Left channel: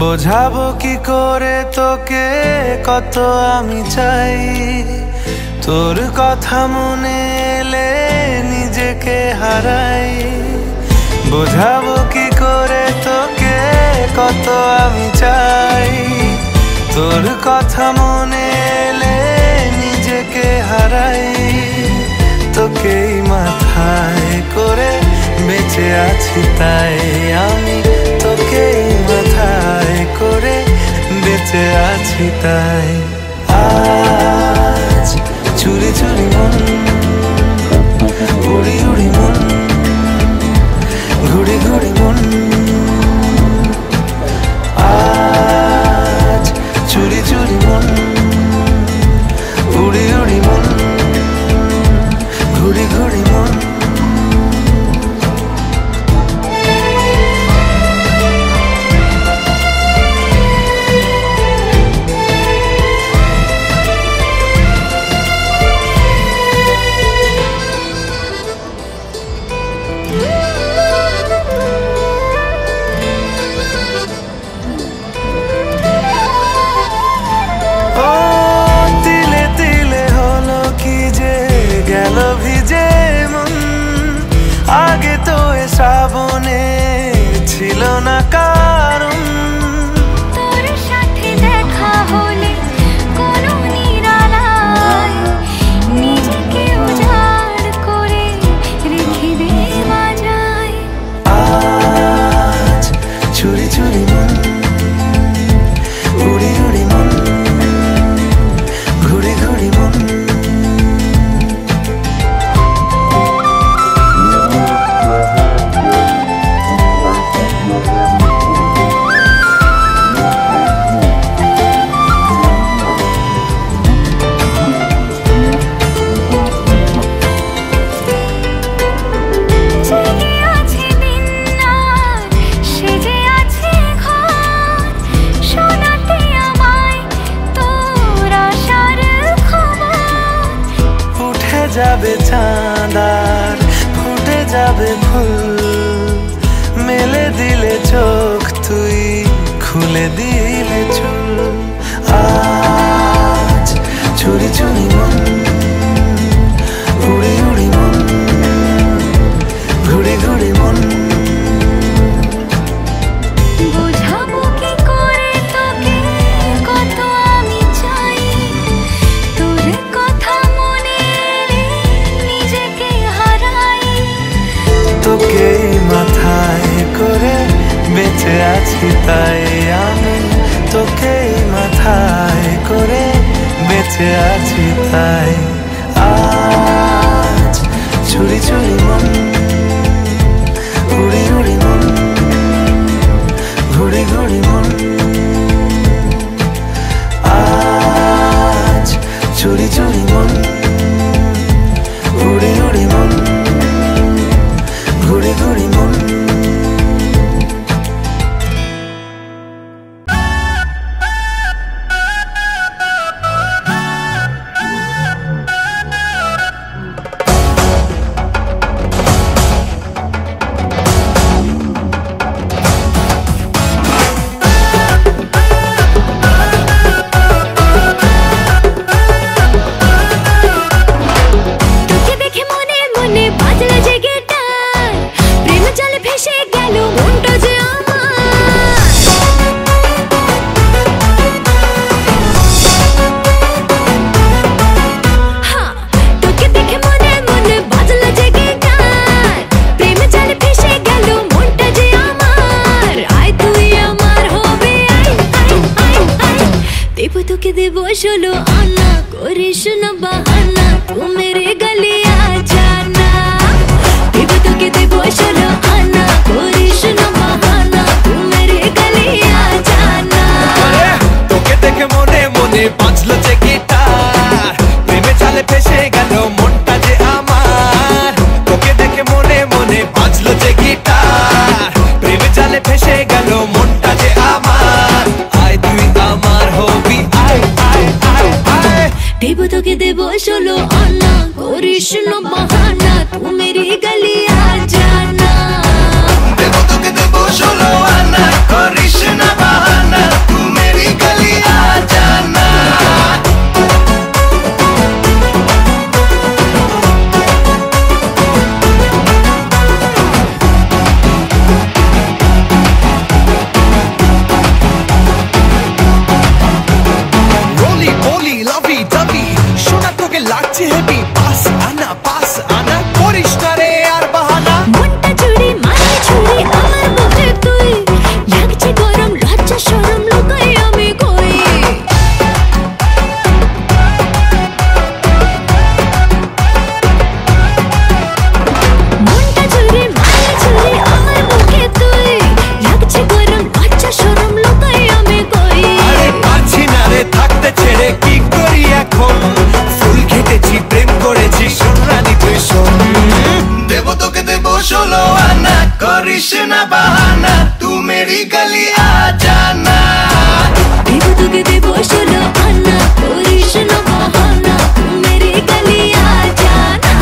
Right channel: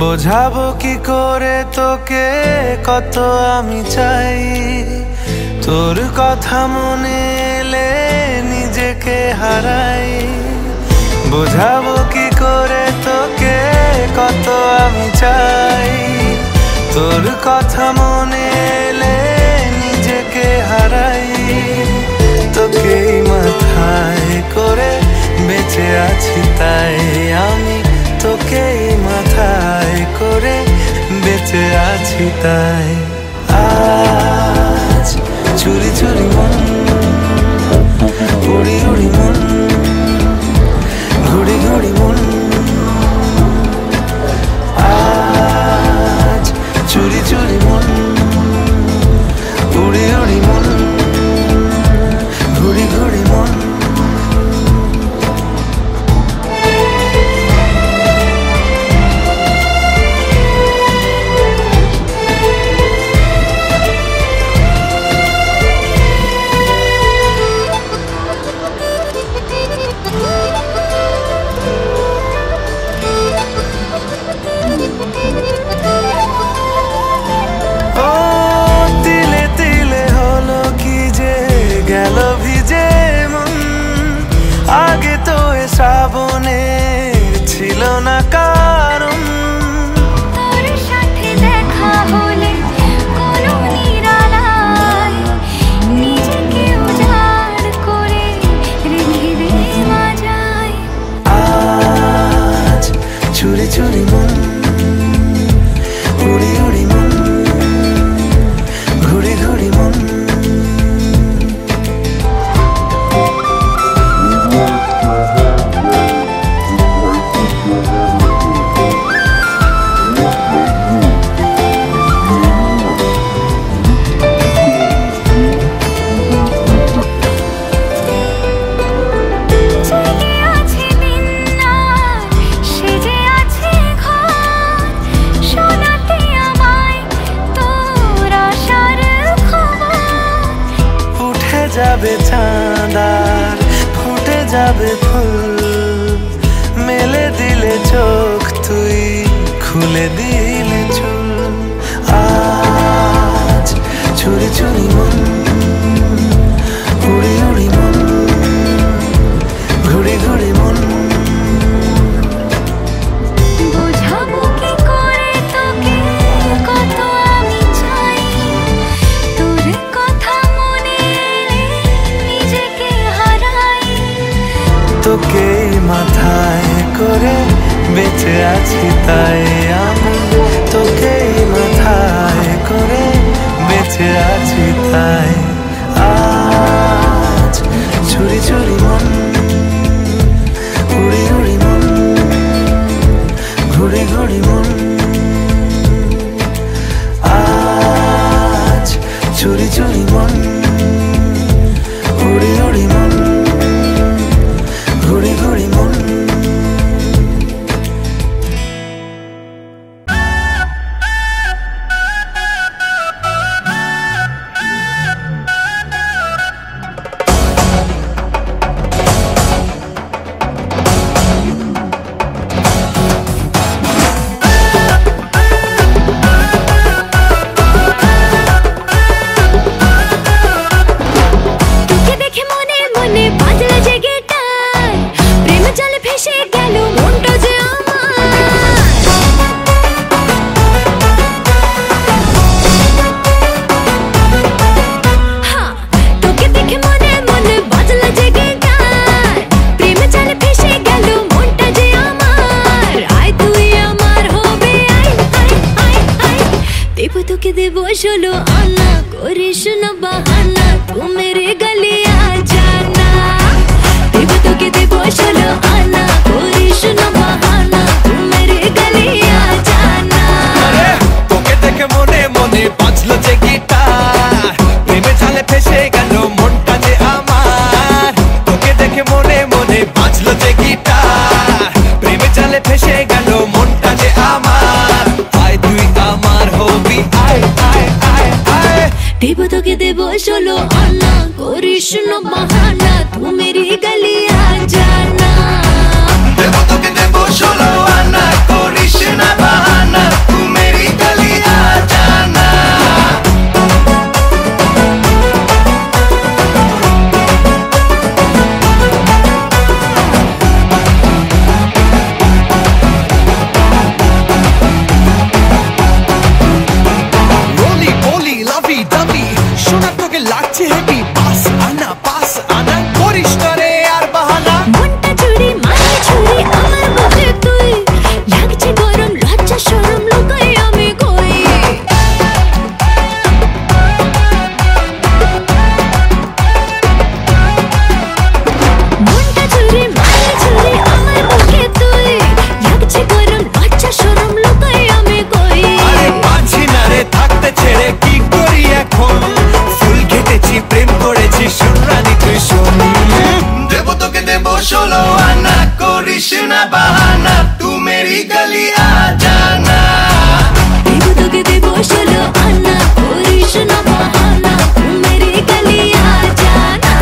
বোঝাবো কি করে তোকে কত আমি চাই, তোর কথা মনে এলে নিজেকে হারাই। বোঝাবো কি করে তোকে কত আমি চাই, তোর কথা মনে এলে নিজেকে হারাই। তোকেই মাথায় করে বেঁচে আছি তাই আমি, তোকেই মাথায় করে বেঁচে আছি তাই। আজ চুরি চুরি মন, উড়ি উড়ি মন, ঘুড়ি ঘুড়ি মন। আজ চুরি চুরি মন, উড়ি উড়ি মন, ঘুড়ি ঘুড়ি মন। আগে তো এ শ্রাবণের ছিল না কারণ, তোর সাথে দেখা হলে কোনো নিরালায় নিজেকে উজাড় করে রেখে দে মাঝায়। আজ চুরি চুরি মন, উড়ি উড়ি মন, ঘুড়ি ঘুড়ি মন। যাবে চাঁদার ফুটে যাবে ফুল, মেলে দিলে চোখ তুই খুলে দিলে চুল। আজ চুরি চুরি মন, উড়ি উড়ি মন, ঘুড়ি ঘুড়ি মন। বোঝাবো কি করে তোকে কত আমি চাই, তোর কথা মনে এলে নিজেকে হারাই। তোকে মাথায় করে বেঁচে আছি তাই আমি, তোকেই মাথায় করে বেঁচে আছি তাই। আজ চুরি চুরি মন, উড়ি উড়ি মন, ঘুড়ি ঘুড়ি মন। আজ চুরি চুরি মন, উড়ি উড়ি মন, ঘুড়ি ঘুড়ি মন। তোকে দেব 16 আনা, করিস না বাহানা, তু মেরে গলি আ জানা। দেব তোকে দেব 16 আনা, করিস না বাহানা, তু মেরে গলি আ জানা। তোকে দেখে মনে মনে বাজলো যে গিটার, প্রেমে জালে ফেসে গেল মনটা যে আমার। তোকে দেখে মনে মনে বাজলো যে গিটার, প্রেমে জালে ফেসে গেল মনটা যে আমার। আয় তুই আমার হবি, আয় আয় আয় আয়। দেব তোকে দেব 16 আনা, করিস না বাহানা, তু মেরি গলি আ জানা। দেব তোকে দেব 16 আনা, করিস না বাহানা। লাগছে হেভি, পাস আনা করিস না রে আর বাহানা। মনটা চুরি মারে ছুরি আমার বুকে তুই, লাগছে গরম লজ্জা শরম লুকাই আমি কই। মনটা চুরি মারে ছুরি আমার বুকে তুই, লাগছে গরম লজ্জা শরম লুকাই আমি কই। আরে পারছি না রে থাকতে ছেড়ে, কি করি এখন? ফুল ঘেটেছি প্রেম করেছি, শোন রানী তুই শোন। দেবো তোকে দেবো 16 আনা, করিস না বাহানা, তু মেরি গলি আ জানা। দেবো তোকে দেবো 16 আনা, করিস না বাহানা, তু মেরি গলি আ জানা।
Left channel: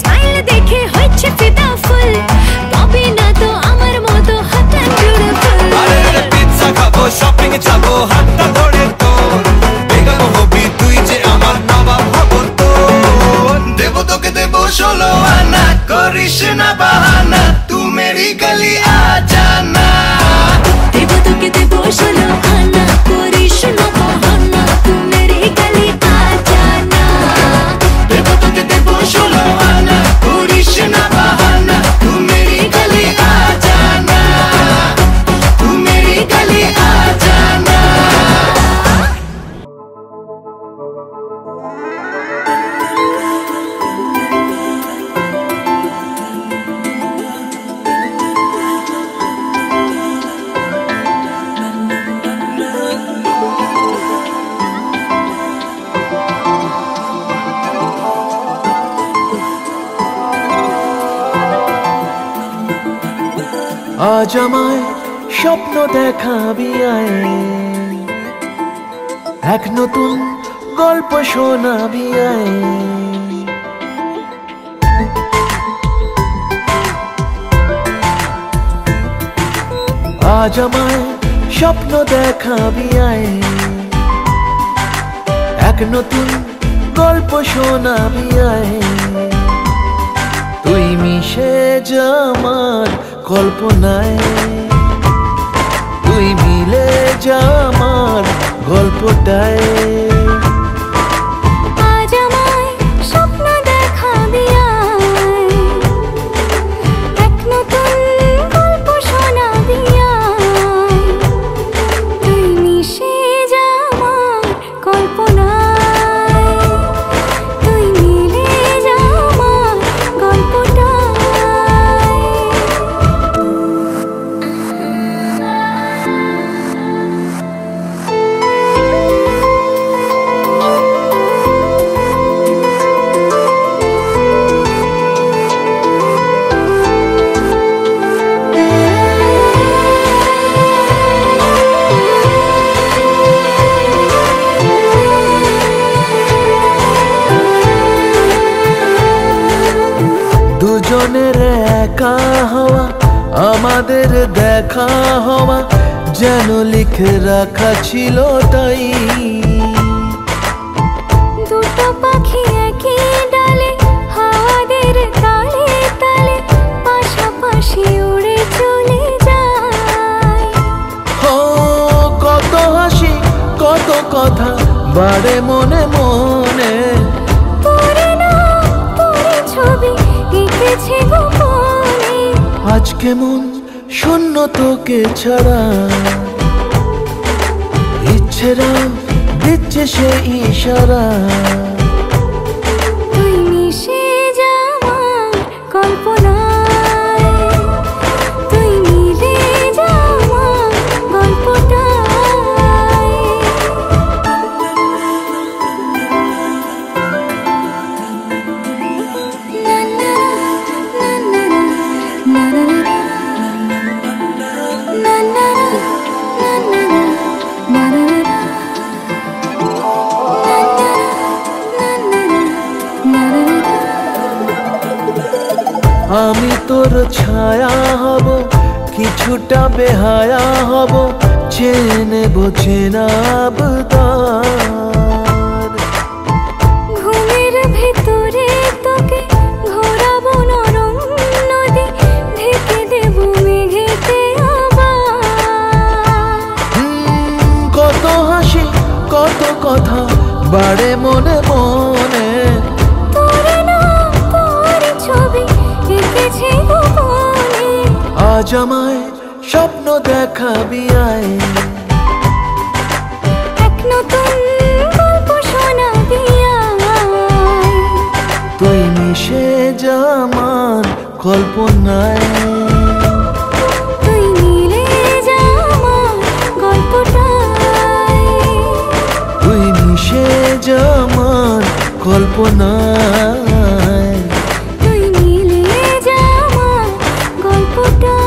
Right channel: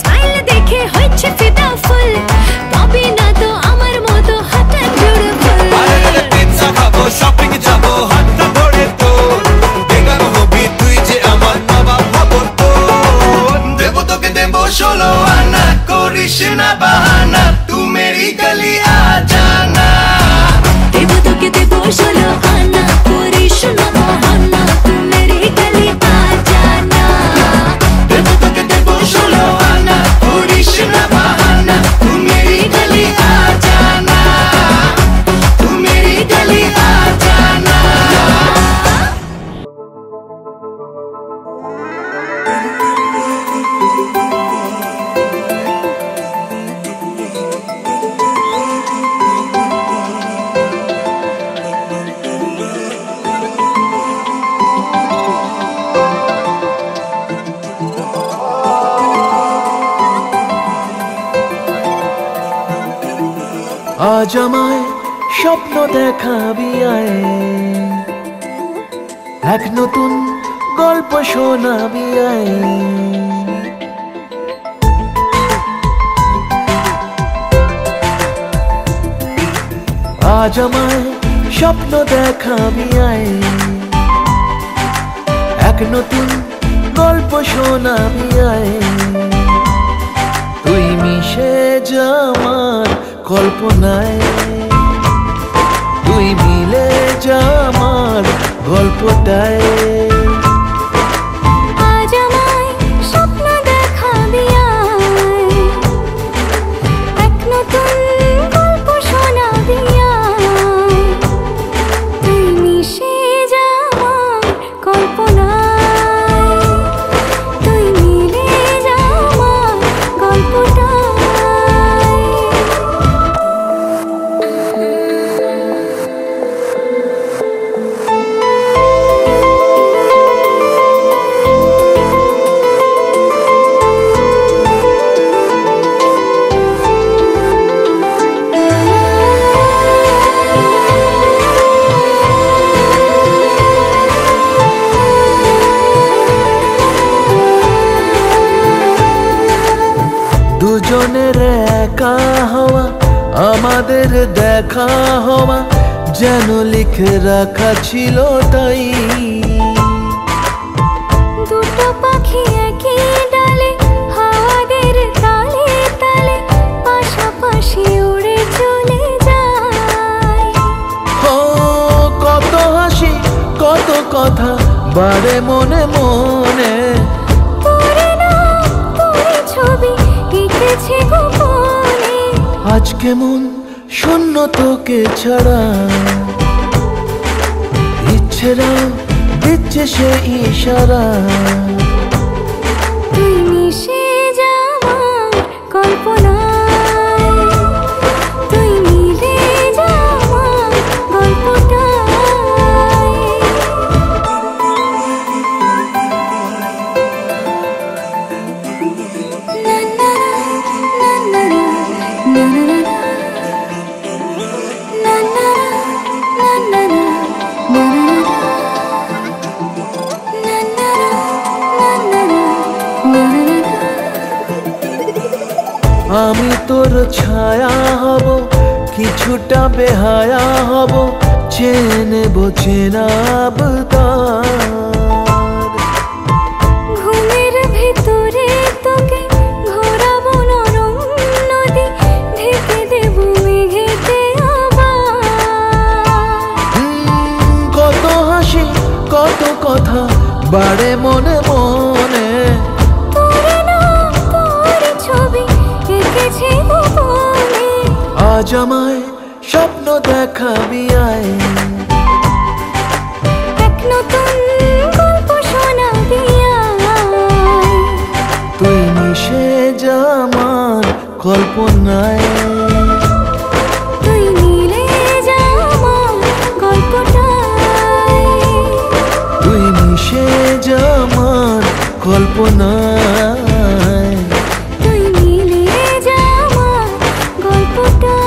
স্মাইল দেখে হচ্ছে ফিদা ফুল, পাবি না তো আমার মতো হট এন্ড বিউটিফুল। আরে পিৎজা খাবো, শপিং যাবো, হাতটা ধরে তোর, বেগম হবি তুই যে আমার নবাব হব তোর। দেবো তোকে দেবো 16 আনা, করিস না বাহানা, তু মেরি গলি আ জানা। দেবো তোকে দেবো 16 আনা, করিস না বাহানা, তু মেরি গলি আ জানা। দেবো তোকে দেবো 16 আনা, করিস না বাহানা, তু মেরি গলি আ জানা, তু মেরি গলি আ জানা। আজ আমায় স্বপ্ন দেখাবি আয়, এক নতুন গল্প শোনাবি আয়। আজ আমায় স্বপ্ন দেখাবি আয়, এক নতুন গল্প শোনাবি আয়। তুই মিশে যা আমার কল্পনায়, তুই মিলে যা আমার গল্পটায়। আজ আমায় স্বপ্ন দেখাবি আয়, এক নতুন গল্প শোনাবি আয়। তুই মিশে যা আমার কল্পনায়, তুই মিলে যা আমার গল্পটায়। দুজনের একা হওয়া, আমাদের দেখা হওয়া, যেন লিখে রাখা ছিল তাই। দুটো পাখি একই ডালে, হাওয়াদের তালে তালে, পাশাপাশি উড়ে চলে যায়। ও কত হাসি কত কথা বাড়ে মনে মনে, তোরে না তোরে ছবি এঁকেছে গোপনে। আজকে মন শূন্য তোকে ছাড়া, ইচ্ছেরা দিচ্ছে সে ইশারা। তুই মিশে যা আমার কল্পনায়, তুই মিলে যা আমার গল্পটায়। না না না না না না না না না na na na na na na na আমি তোর ছায়া হব, কিছুটা বেহায়া হব, চেনে বোঝে না আবদার। ঘুমের আজ আমায় স্বপ্ন দেখাবি আয়, এক নতুন গল্প শোনাবি আয়, তুই মিশে যা আমার কল্পনায়, তুই মিলে যা আমার গল্পটায়, তুই মিশে যা আমার কল্পনায়, তুই মিলে যা আমার গল্পটায়।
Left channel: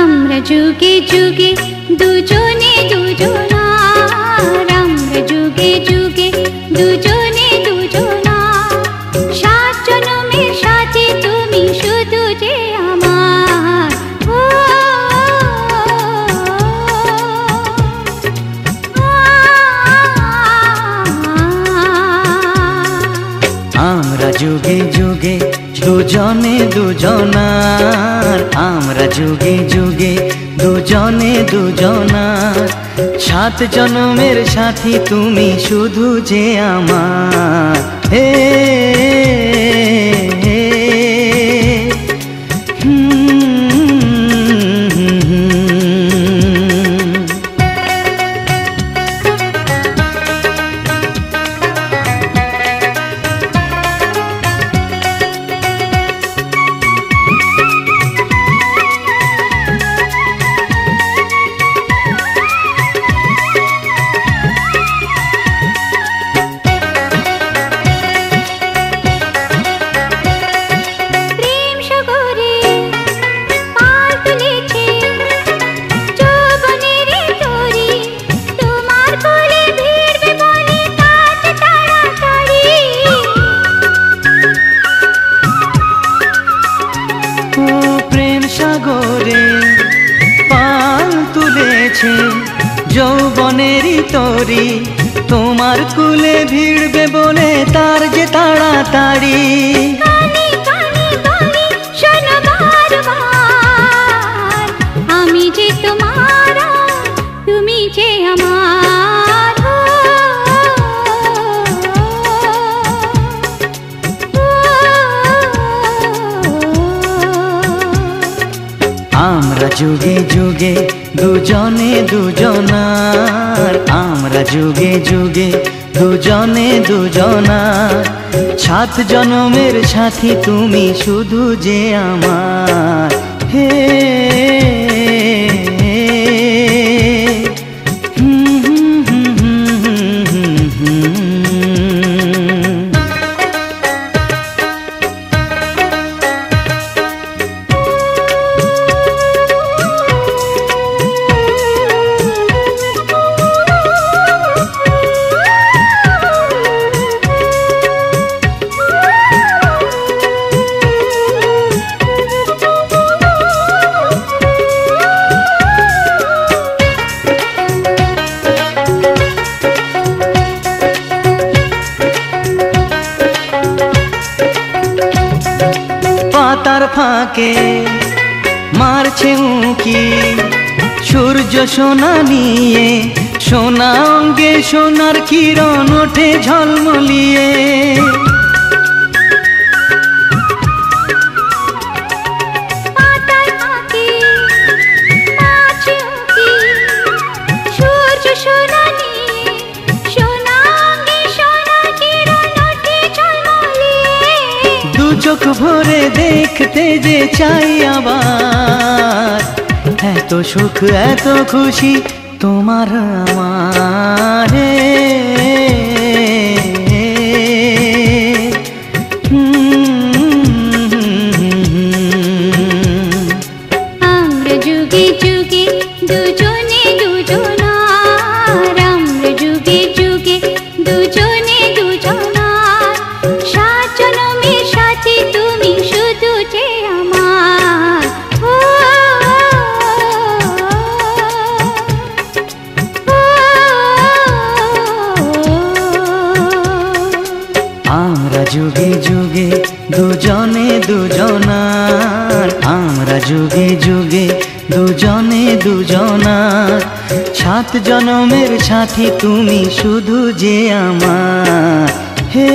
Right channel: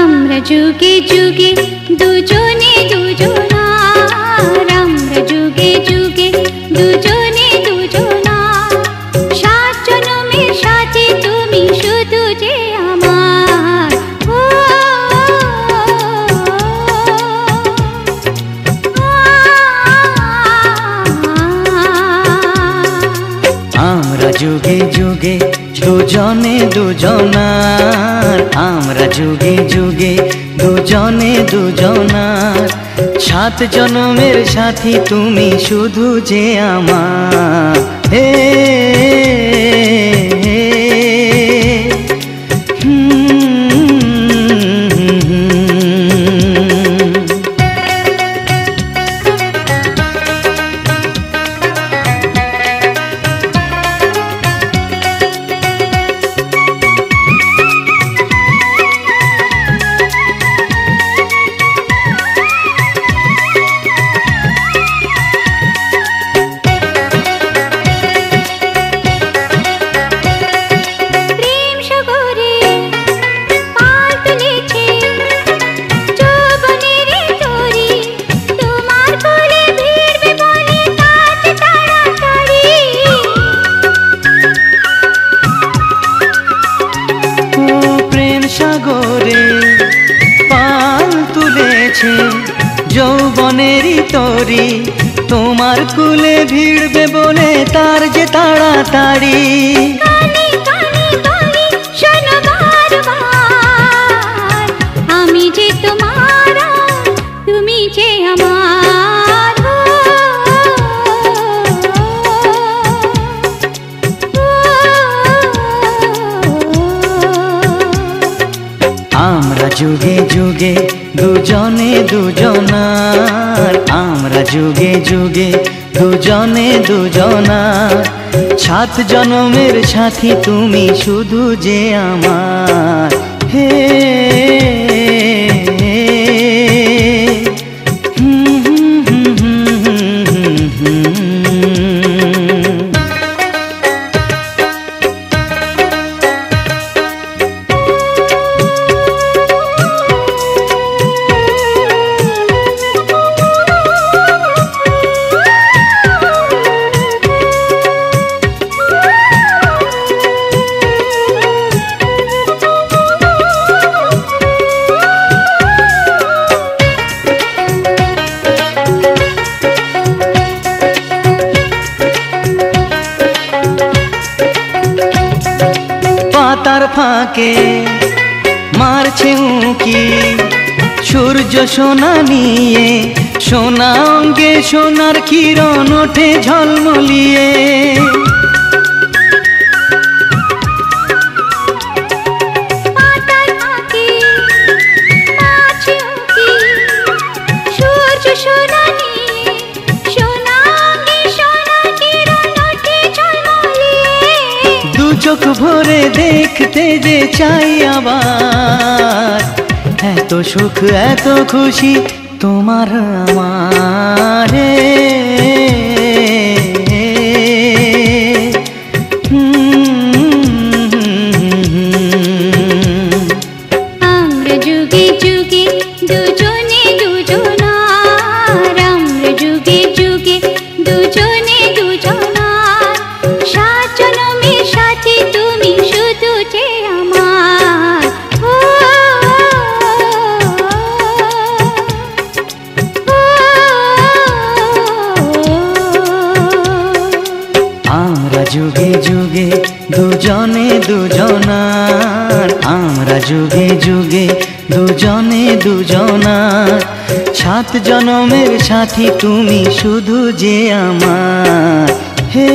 আমরা যুগে যুগে দুজনে দুজনার, আমরা যুগে যুগে দুজনে দুজনার, 7 জনমের সাথে তুমি শুধু যে আমার। আমরা যুগে যুগে দুজনে দুজনার, আমরা যুগে যুগে দুজনে দুজনার, 7 জনমের সাথী তুমি শুধু যে আমার। হে যৌবনেরই তরি তোমার কুলে ভিড়বে বলে তার যে তাড়াতাড়ি। আমি যে তোমার, তুমি যে আমার, আমরা যুগে যুগে দুজনে দুজনার, আমরা যুগে যুগে দুজনে দুজনার, 7 জনমের সাথী তুমি শুধু যে আমার। হে পাতার ফাঁকে মারছে উঁকি সূর্য সোনা নিয়ে, সোনা অঙ্গে সোনার কিরণ ওঠে ঝলমলিয়ে। চোখ ভরে দেখতে যে চাই আবার, এত সুখ এত খুশি তোমার আমার। আমরা যুগে যুগে দুজনে দুজনার, আমরা যুগে দুজনার, আমরা যুগে যুগে দুজনে দুজনার, 7 জনমের সাথী তুমি শুধু যে আমার। হে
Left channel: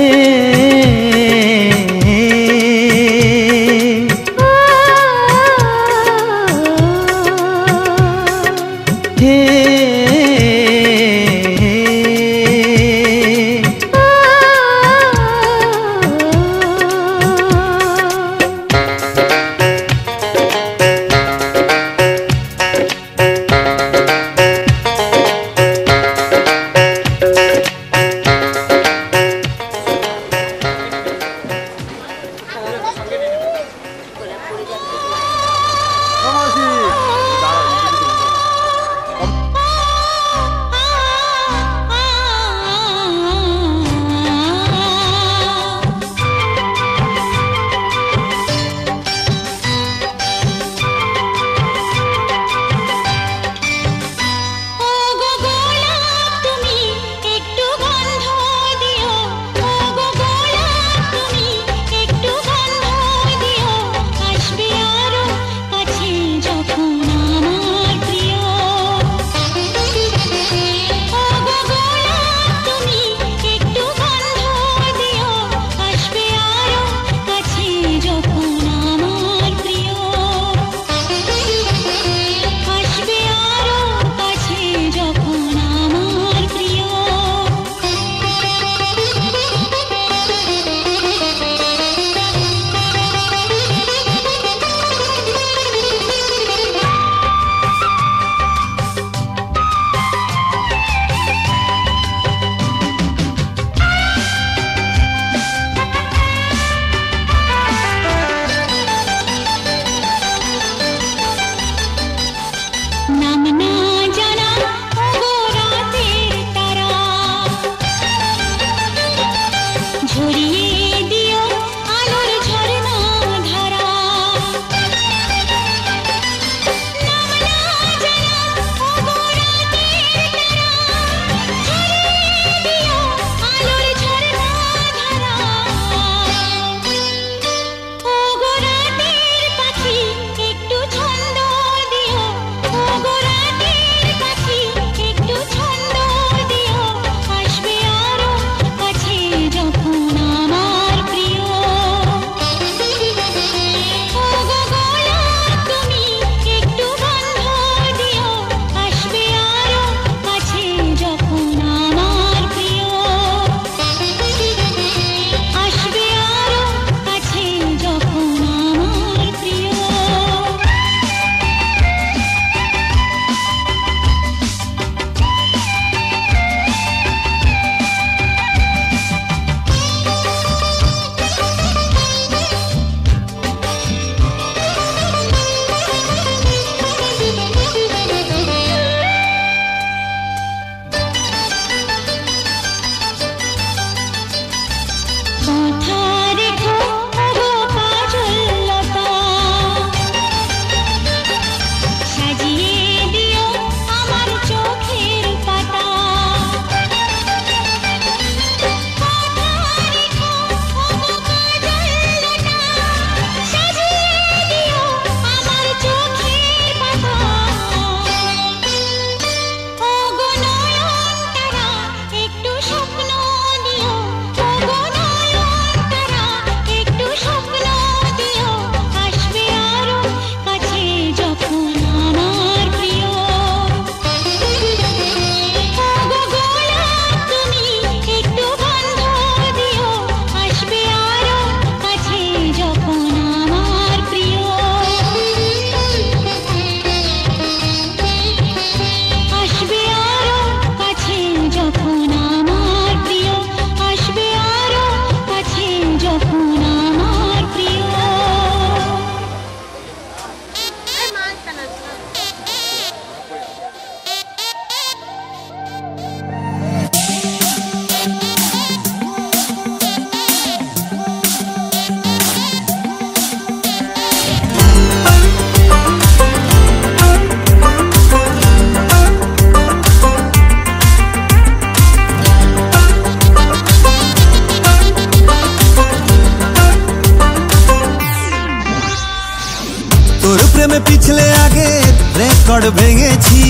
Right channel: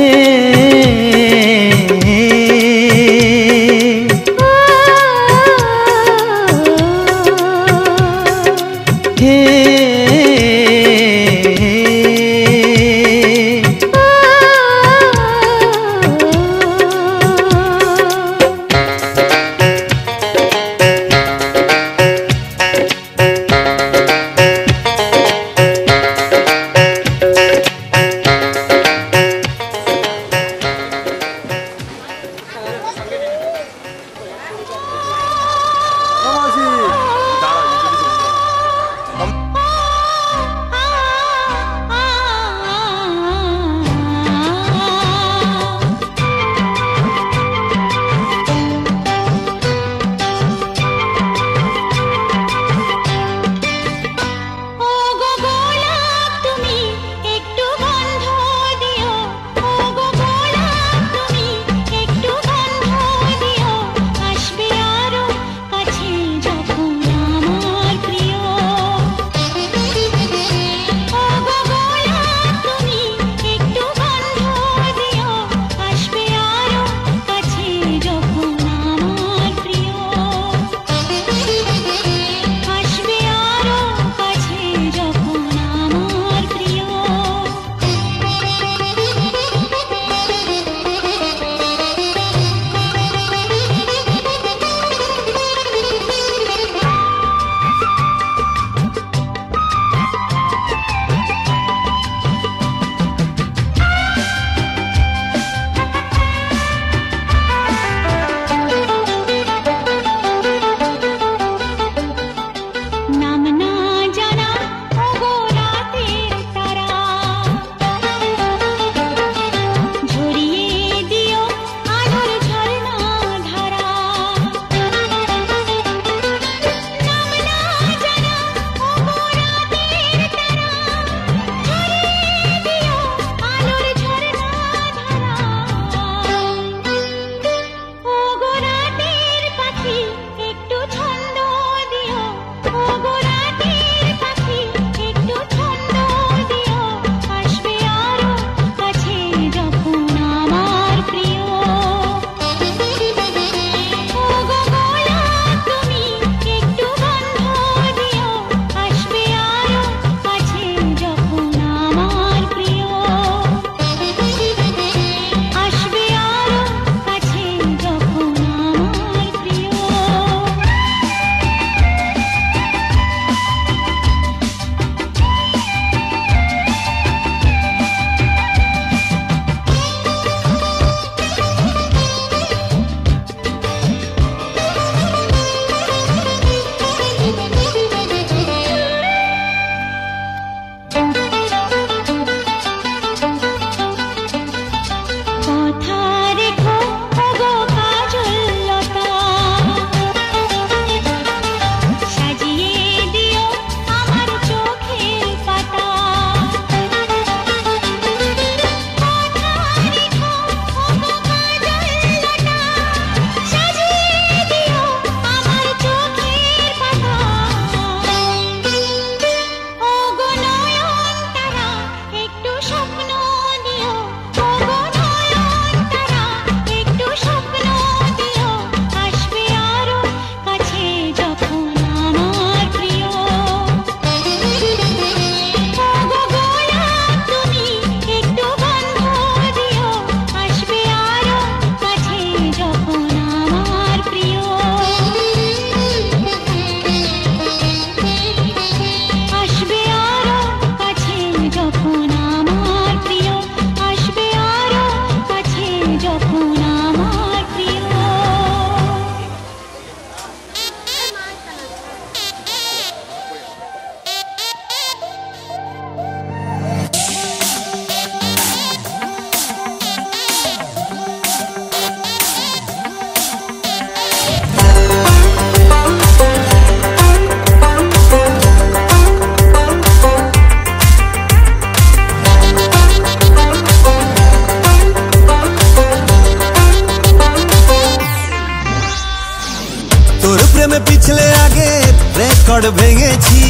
রেকর্ড ভেঙেছি,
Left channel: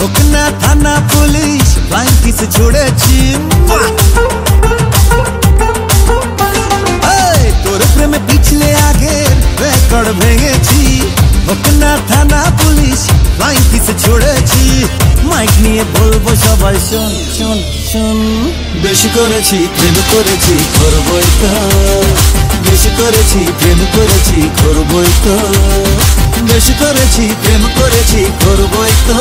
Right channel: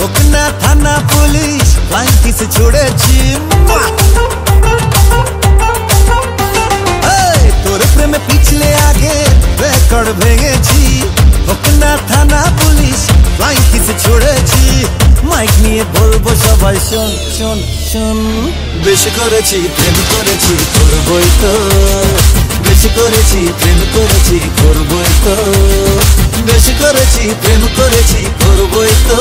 হোক না থানা পুলিশ ফ্লাইং কিস ছুড়েছি। তোর প্রেমে পিছলে আগের রেকর্ড ভেঙেছি, হোক না থানা পুলিশ ফ্লাইং কিস ছুড়েছি। মাইক নিয়ে বলবো সবাই শোন শোন শোন, বেশি করেছি প্রেম করেছি করবই তো, বেশি করেছি প্রেম করেছি করবই তো, বেশি করেছি প্রেম করেছি করবই তো,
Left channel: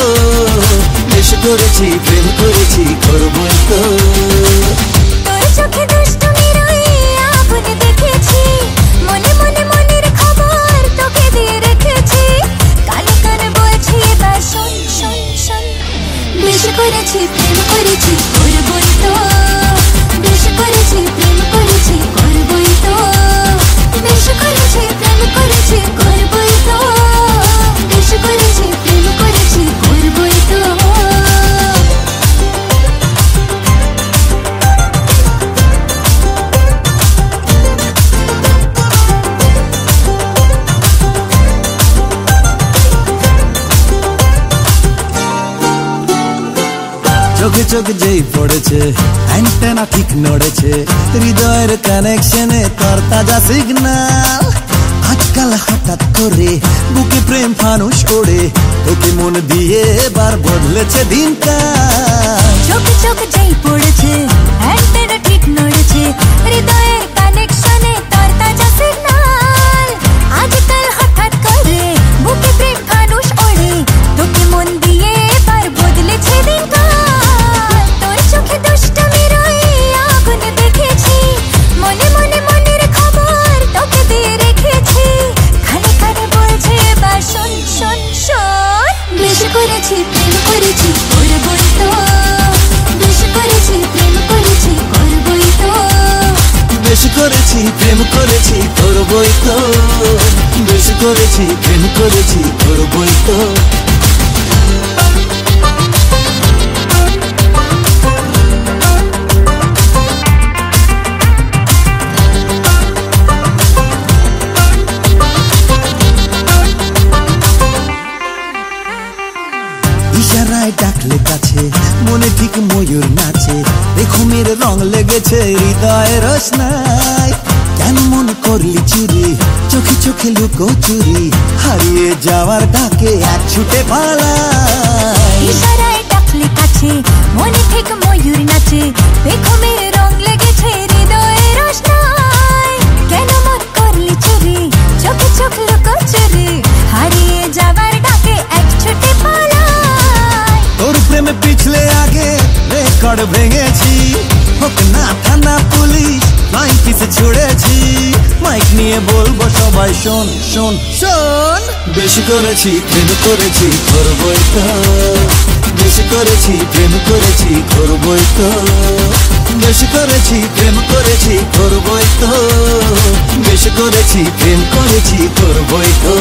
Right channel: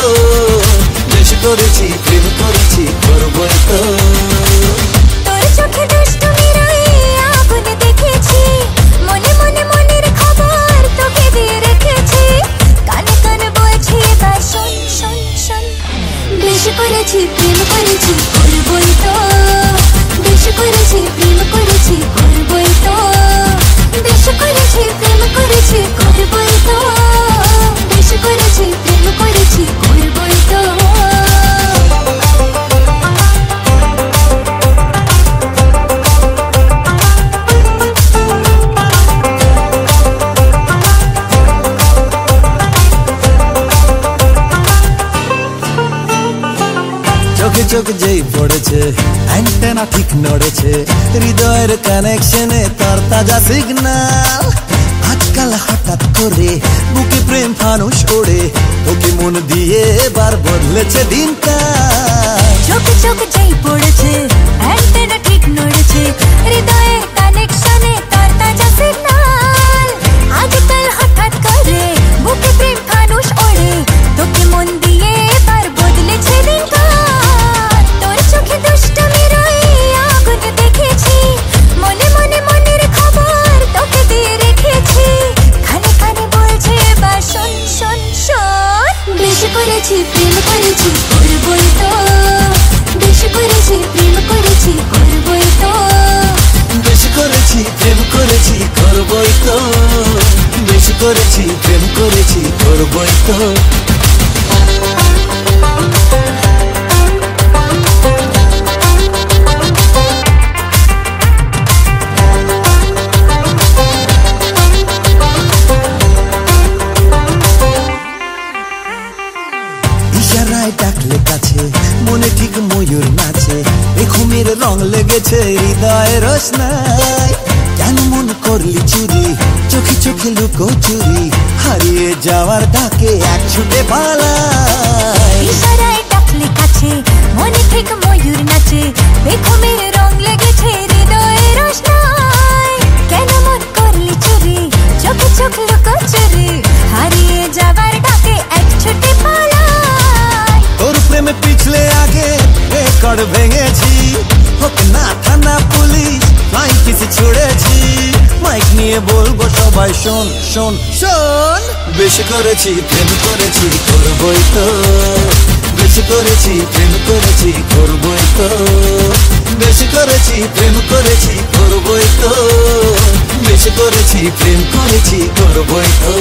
বেশি করেছি প্রেম করেছি করবই তো। তোর চোখে দুষ্টুমির ওই আগুন দেখেছি, মনে মনে মনের খবর তোকে দিয়ে রেখেছি। কানে কানে বলছি এবার শোন শোন শোন, বেশি করেছি প্রেম করেছি করবই তো, বেশি করেছি প্রেম করেছি করবই তো, বেশি করেছি প্রেম করেছি করবই তো, বেশি করেছি প্রেম করেছি করবই তো। চোখে চোখ যেই পড়েছে অ্যান্টেনা ঠিক নড়েছে, হৃদয়ের কানেকশনে তোর তাজা সিগন্যাল। আজকাল হঠাৎ করে বুকে প্রেম ফানুষ ওড়ে, তোকে মন দিয়ে এবার বদলেছে দিনকাল। চোখে চোখ যেই পড়েছে অ্যান্টেনা ঠিক নড়েছে, হৃদয়ের কানেকশনে তোর তাজা সিগন্যাল। আজকাল হঠাৎ করে বুকে প্রেম ফানুষ ওড়ে, তোকে মন দিয়ে এবার বদলেছে দিনকাল। তোর চোখে দুষ্টুমির ওই আগুন দেখেছি, মনে মনে মনের খবর তোকে দিয়ে রেখেছি। কানে কানে বলছে এবার শোন শোন শোন, বেশি করেছি প্রেম করেছি করবই তো, বেশি করেছি প্রেম করেছি করবই তো, বেশি করেছি প্রেম করেছি করবই তো, বেশি করেছি প্রেম করেছি করবই তো। ইশারায় ডাকলে কাছে, মনে ঠিক ময়ূর নাচে, ঘুমের রং লেগেছে হৃদয়ের রোশনাই। কেন মন করলি চুরি, চোখে চোখে লুকো চুরি, হারিয়ে যাওয়ার ডাকে এক ছুটে পালাই। ইশারায় ডাকলে কাছে, মনে ঠিক ময়ূর নাচে, ঘুমের রং লেগেছে হৃদয়ের রোশনাই। কেন মন করলি চুরি, চোখে চোখ লুকো চুরি, হারিয়ে যাওয়ার ডাকে এক ছুটে পালাই। তোর প্রেমে পিছলে আগে রেকর্ড ভেঙেছি, হোক না থানা পুলিশ ফ্লাইং কিস ছুড়েছি। মাইক নিয়ে বলবো সবাই শোন শোন শোন, বেশি করেছি প্রেম করেছি করবই তো, বেশি করেছি প্রেম করেছি করবই তো, বেশি করেছি প্রেম করেছি করবই তো, বেশি করেছি প্রেম করেছি করবই তো।